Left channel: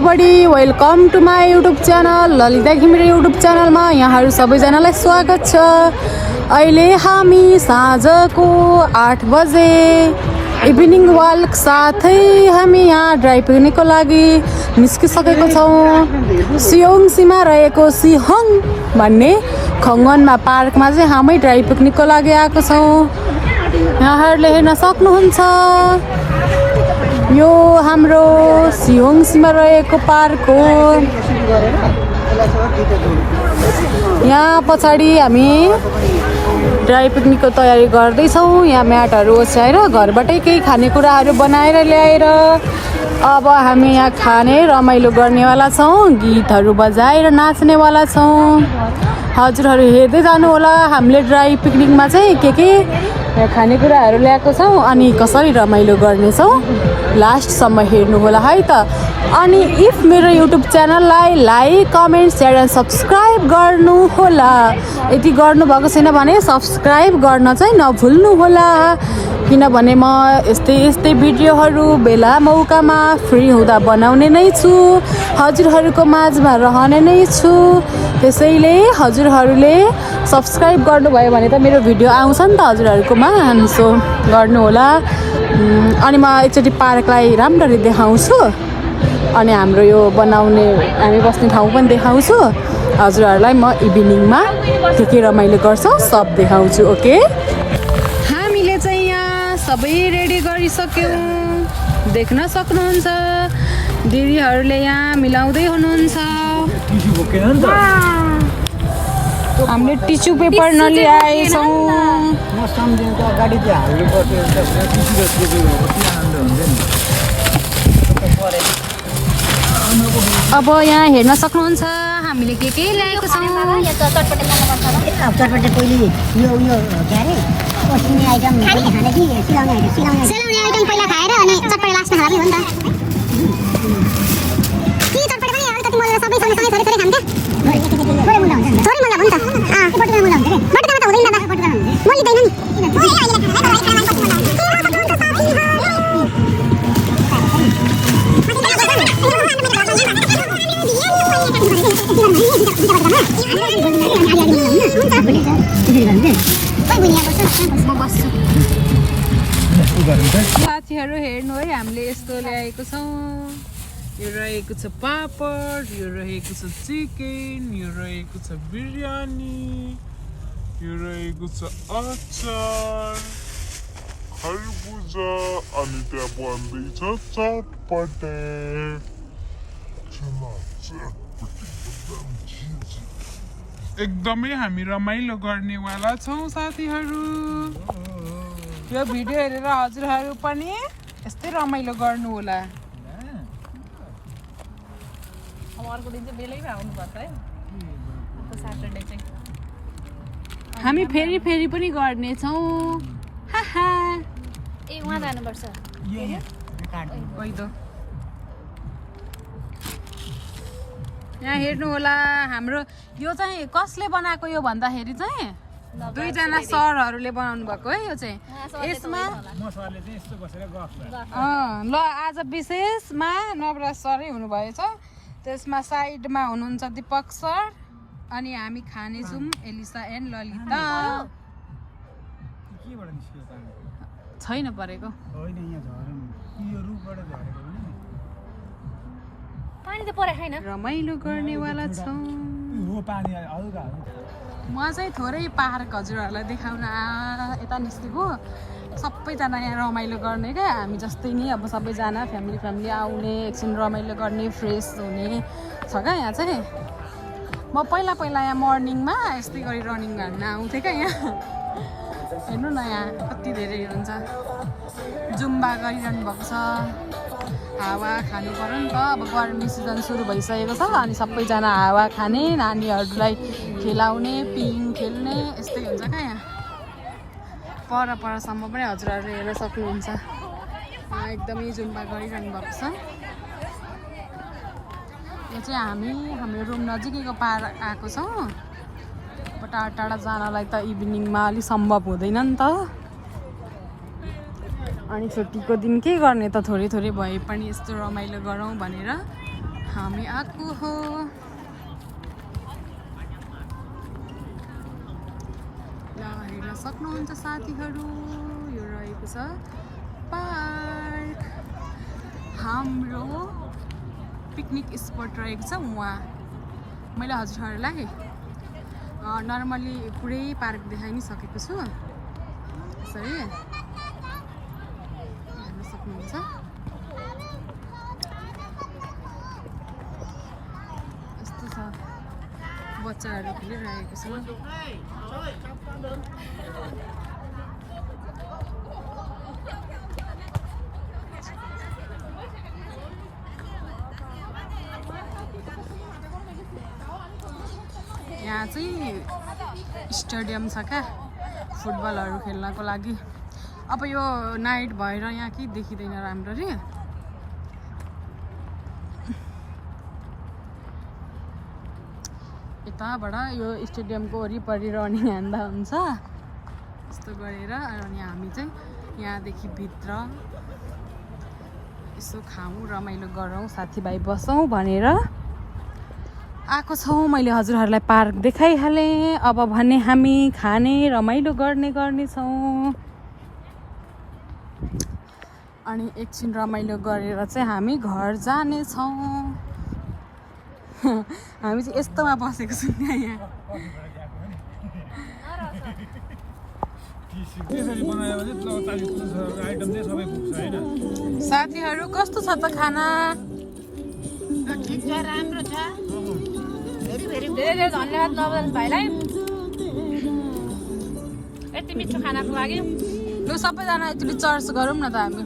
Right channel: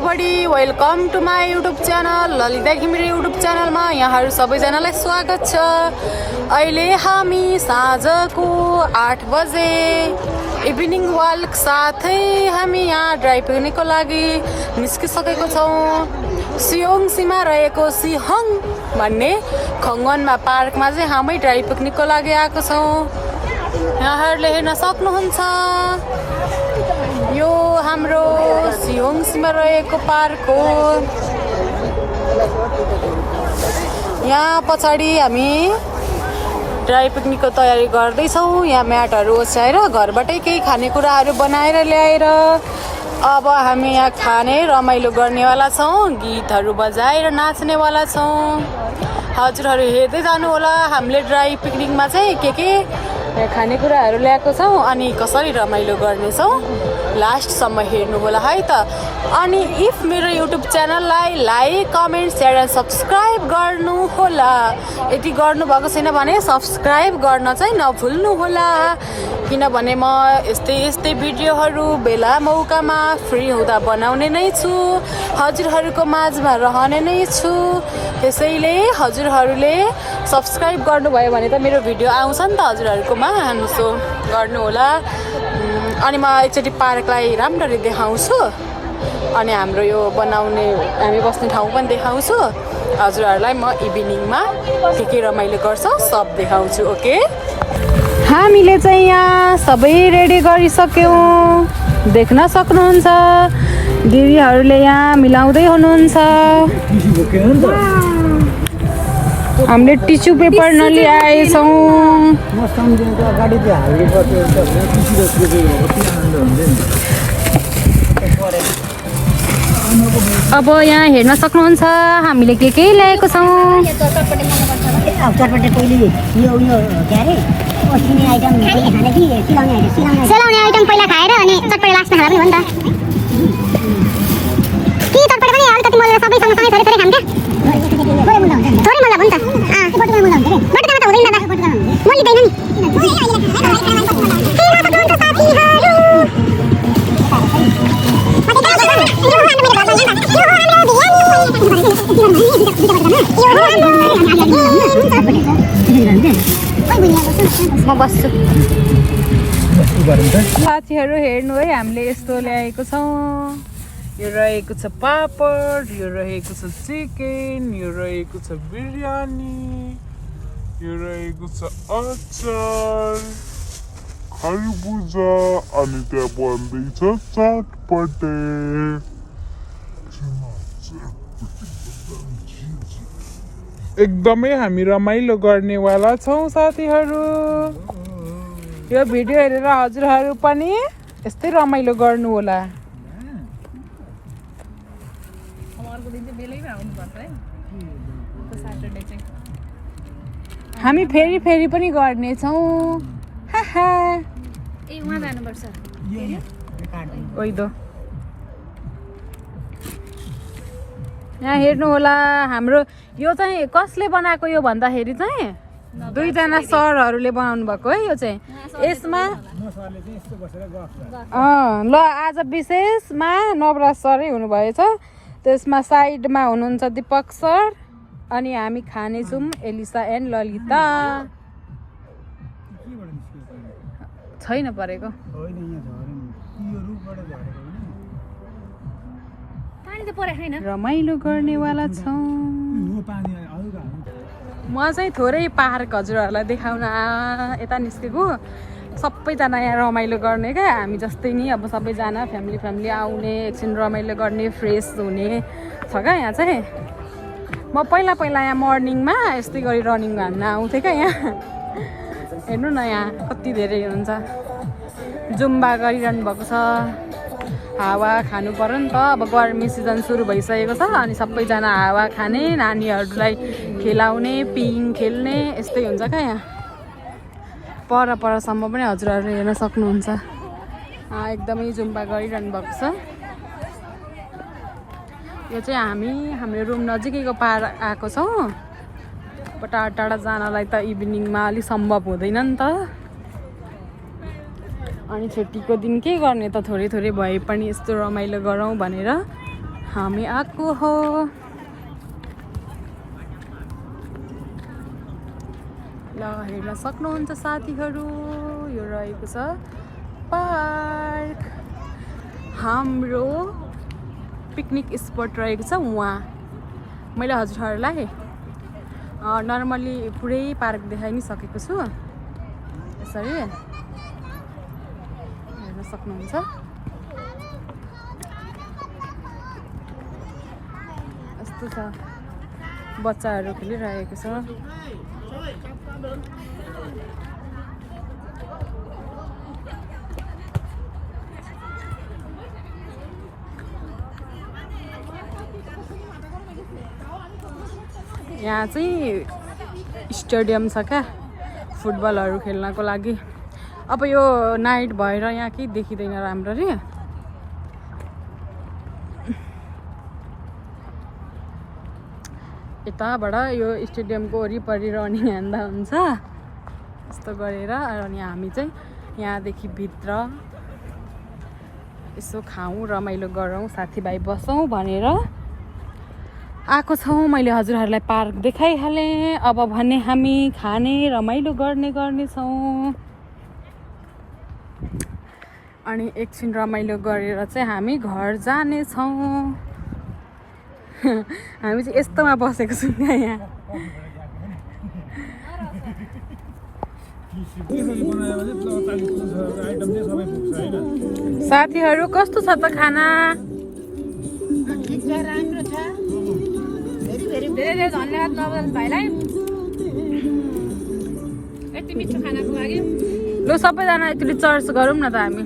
Everybody welcome to my YouTube channel Lalita Ghimire YouTube च्यानलमा यहाँहरू सबैजनालाई स्वागत छ। अहिले हामी साँझको 8 बजे इभिनिङ वाक साथै हामी यहाँ ड्राई पिकनिकको लागि निस्किसकेको छौँ। सियोङसीमा रहेको सिहङ भन्ने खङ्गनमा पार्कमा चाहिँ हामी ड्राई पिकनिकको लागि आएको छौँ। यहाँहरूले हेर्न सक्नुहुन्छ यो हाम्रो सियोङसीमा रहेको पार्क हो। यहाँ पछाडि हामी ड्राई पिकनिकको तयारी गर्दैछौँ। यहाँ म्याटहरू ओछ्याएर घरबाटै केही खानेकुराहरू बनाएर ल्याएर अब हामी यहाँ खाने रमाइलो गर्नेवाला छौँ, गीतहरू बजाएर नाच्नेवाला छौँ। हजुरहरू हेर्दै जानु होला हामीले ड्राई पिकनिकमा चाहिँ के खानेकुराहरू ल्याएको छौँ अनि कसरी रमाइलो गर्नेछौँ। लास्टसम्म हेर्नु होला है त। अनि इफ मेरो युट्युब च्यानललाई like comment share and subscribe गर्नु होला। यदि गर्नुभएको छैन भने सब्सक्राइब गर्न चाहिँ नभुल्नु होला, किनभने म यस्तै भिडियोहरू बेला मौकामा फ्री हुँदा बनाउने नै छु, हजुरहरूको माझमा रहने नै छु। त्यसैले हजुरहरूले सब्सक्राइब गर्नुभयो भने त मेरो भिडियो आउँछ नि त हजुरहरूकोमा, सो गर्नु होला। अनि म एकचोटि पार्कलाई राम्ररी देखाउँछु अनि हाम्रो यो बनाउने हामी बस्ने ठाउँ पनि देखाउँछु। हजुरहरूलाई म इभिनिङमा के रमाइलो गर्छौँ सब देखाउँछु। ओके, हामीले चाहिँ यहाँ सबै रेडी गरिसक्यौँ, देख्न सक्नुहुन्छ। दिदीहरूले यहाँ मिलाउँदै हुनुहुन्छ। हामीले टिस्यु पेपर नलिआएछौँ। अब यहाँ हेर्न सक्नुहुन्छ हामीले के ल्याएको छौँ। चटपटे पहिले यो के अरे ओसिने आइटम पहिले खाने कि सेलाउने आइटम पहिला खाएर अनि चटपटे लास्टमा खाँदा पनि हो नि त। कि चटपटे पनि अलिकति मोलेर सबै सँगसँगै थोरै खान्छ क्या। थोरै मुल्ला हुन्छ नि, थोरै मुल्ला हुन्छ बटुकामा मुल्ला हुन्छ रे। बटुकामा त हुँदैन दादा, बटुकामा हुन्छ म लिँदैन नि। म बस्छु। साथीहरू हेर्नु है, हामीले यस्तो ल्याएको छौँ। यो रहेको छ पापड, यो रहेको छ चिकन, यो रहेको छ बिरयानी, यो रहेको छ अचार, खरबुजा, अनि त्यहाँ बन्दैछ चटपटे। एकदमै हामी रमाइलो गर्नेवाला छौँ साथीहरू। यो भिडियो हेरेर हजुरहरू पनि यस्तै रमाइलो गर्नु होला। हामी फेरि पनि गर्नेछौँ। यहाँ हेर्नु होला हाम्रो यो चाहिँ कसले बनाएको यो भन्दाखेरि चाहिँ दुईजना सरहरूले बनाउनु भएको है। यो चाहिँ यसमा ल आज विशेषमा नवराज सरै हुनुभएछ। त्यसमा साइडमा हुनुहुन्छ दीपक सर अनि हामी खानेछौँ एलिसा एन्ड ललिता। छैन परेको रमाइलो गर्नेवाला छौँ। म चाहिँ थोरै पार्क हजुरहरूलाई देखाउन यता निस्केको। सबैजना यहाँ रमाइलो गर्ने क्या, हामी जस्तै नि अब सबैजना फ्यामिली आउने, एकछिन रमाइलो गर्ने, फ्रेस हुने छ क्या यहाँ चाहिँ। म पहिला यहाँ मर्निङमा यस्तै गरी रनिङ हान्न आउँथेँ क्या। यहाँ हेर्नु न यहाँ कति धेरै हुन्छ, जुम्बा गरिरहनु भएको छ। हावा खानु पर्यो नि त, अब गर्मी सिजन सुरु भइसकेको छ अनि सबैजना हावा खाने, नानीहरूलाई खेलाउने, पिङ खेल्ने यस्तै हुन्छ क्या। यहाँ परसम्म पनि हजुरहरूले हेर्न सक्नुहुन्छ एकदमै जुम्बा गरिरहनु भएको छ। यो चाहिँ हाम्रो रुम नजिकैको पार आएको छौँ। अब टाढा जानलाई त इभिनिङमा अलिक सम्भव हुँदैन नि त। अनि छुट्टीको दिन के गर्ने त, थोरै भए पनि यस्तो रमाइलो गरौँ भनेर हामी आएको हो। ल हेर्न सक्नुहुन्छ साथीहरू, यो रहेको छ पार्क। हाम्रो पिकनिक स्पट रहेको छ वहाँ। मैले हजुरहरूलाई नर्मली पुरै पार्क देखाइ नि सकेको छु। यसरी हेर्न सक्नुहुन्छ। यस्तो छ, बच्चाहरू खेलिरहेको छ। यहाँ चाहिँ स्टेडियम छ क्या फुटबलहरू खेल्नको लागि। अब यो नाइट भएर यहाँ केही देखिँदैन राम्ररी। यताबाट यो स्टेडियमको वरिपरि रनिङ हान्दा हुन्छ यस्तो गरेर। अनि हामी चाहिँ यहाँदेखि भित्र यसो खाऊँ, रमाइलो गरौँ, साथीभाइ बसौँ भनेर आएको छौँ। मैले हजुरहरूलाई पार्क देखाइहालेँ। अब भने हामी खाने रमाइलो गर्नेछौँ। अनि एकछिन रमाइलो गरेर चाहिँ हामी घर जानेछौँ। हामी चाहिँ यस्तोमा बसेको छौँ क्या यहाँ। साथीहरू कस्तो छ त खाना? राम्रो छ। धेरै धेरै धन्यवाद नवदन भाइलाई यति मिठो खानाको लागि। ल सबैजना यति चर्च गरौँ न त हामी।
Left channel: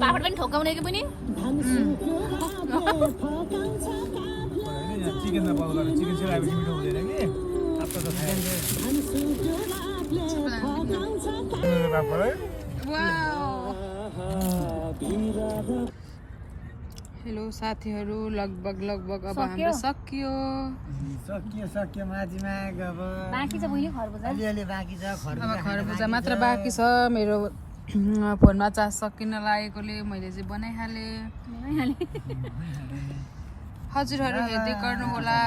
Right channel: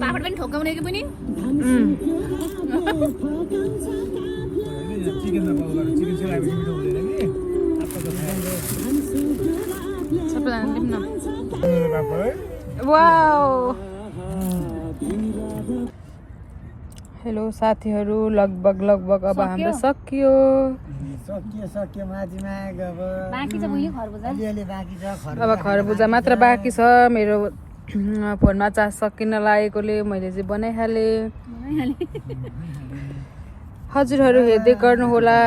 पापड पनि ठोकाउने कि पनि हेलो साथीहरू, लगभग अब हाम्रो सकियो। अब खरबुजा मात्र बाँकी छ। मेरो फोनमा चार्ज सकिन लागेकोले मैले चाहिँ बनाइहालेँ। हजुरहरू हेर्दै गर्नुहोला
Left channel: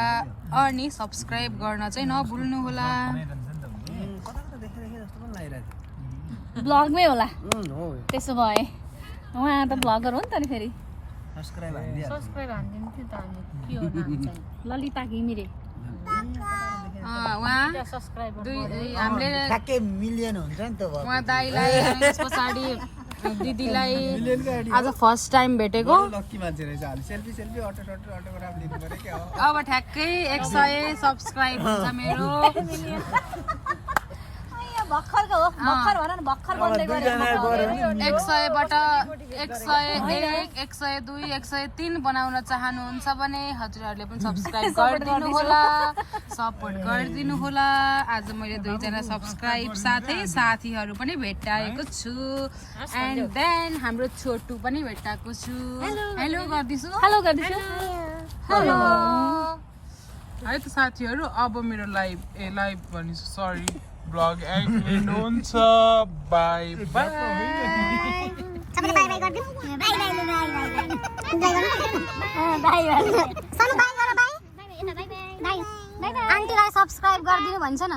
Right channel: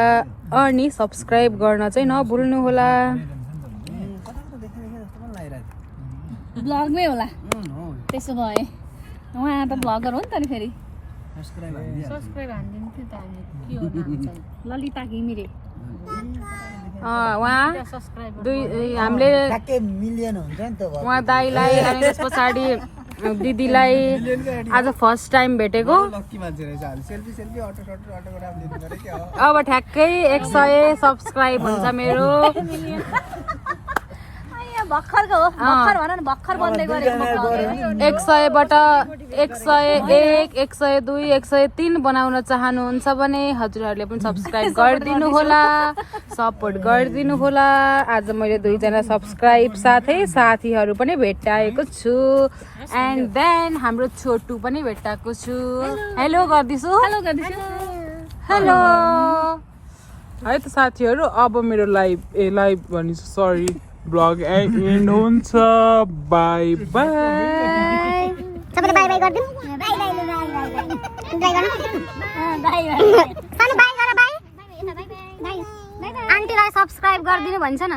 अनि सब्सक्राइब गर्न चाहिँ नभुल्नु होला। ब्लगमै होला त्यसो भए। उहाँ त ब्लगर हो नि त नि फेरि। सब्सक्राइब हान्दिनु थियो त हामी। ललिता घिमिरे उहाँ हामीले ठ्याक्कै मिलियन हुन्छ नि त। उहाँ दाइलाई अनि त्यस पछाडि दिदीलाई आज फर्स्ट टाइम भेटेको। अब ठ्याक्कै 100 सब्सक्राइब हुन्छ मेरो। भर्खरको हो, भर्खर भन न, भर्खर बन्दै गरेको। 100बाट 101, 102, 103 बनाउन चाहनुहुन्छ भने हजुरहरूले पनि सब्सक्राइब गरिदिनु होला, सपोर्ट गरिदिनु होला। आज मैले 2जना सब्सक्राइब साथै साथीहरू पनि भेटाएको छु। एन्ड देन हाम्रो छोटु पनि भेटाएको छु। हेलो गर्दिछु। हेलो है त साथीहरू, अब मेरो लाइभ भनिछु, सरी ब्लग एन्ड हुन्छ। By by. सबैले बाई बाई गर्दिनु। By by by by by by सानो बाई गर बाई। बाई बाई आन्टीलाई सब्स्क्राइब गरिदिनु भन्छ न।